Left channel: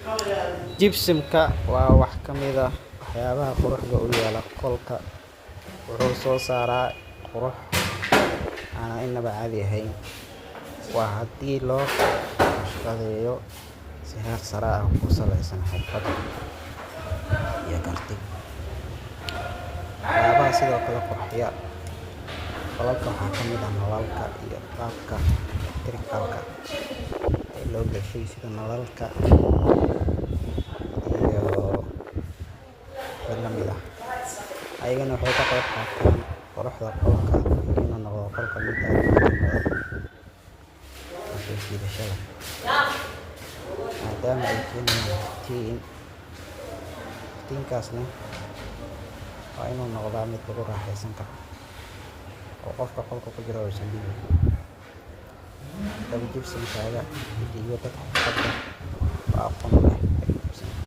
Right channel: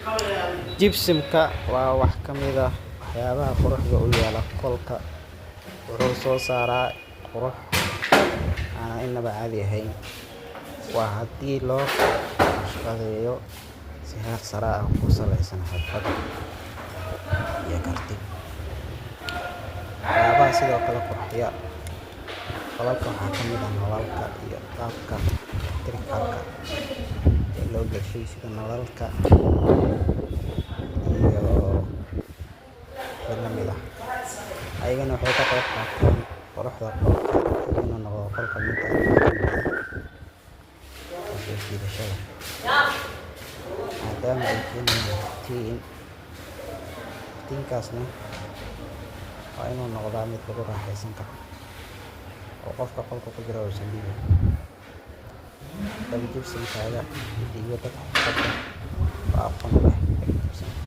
Gypsum-ka waa wax ka mid ah waxyaabaha quruxda u yeela qolka. Wuxuu soo saaraa qurux aan innaba caadi ahayn. Waa haddii loo naqshadeeyo si heer sare ah oo ku saleysan xirfad iyo karti. Waxyaabaha sidoo kale qurxiya qolalka waxaa ka mid ah nalalka iyo qaabka electrical-ka ee loo gashay sida nalalka iyo wixii la mid ah. Ayagana waxay ka qayb qaataan quruxda qolka iyo inuu noqdo qolka mid aad u iftiin badan oo soo jiidasho leh, maadaama ay keenayaan iftiin. Iftiinkaasna waa inuu noqdaa mid lagu raaxaysan karo oo qofka qolka ku jira uusan dhibin. Haddaba gypsum-kaaga u dhiibo dad xirfad leh oo aqoon u leh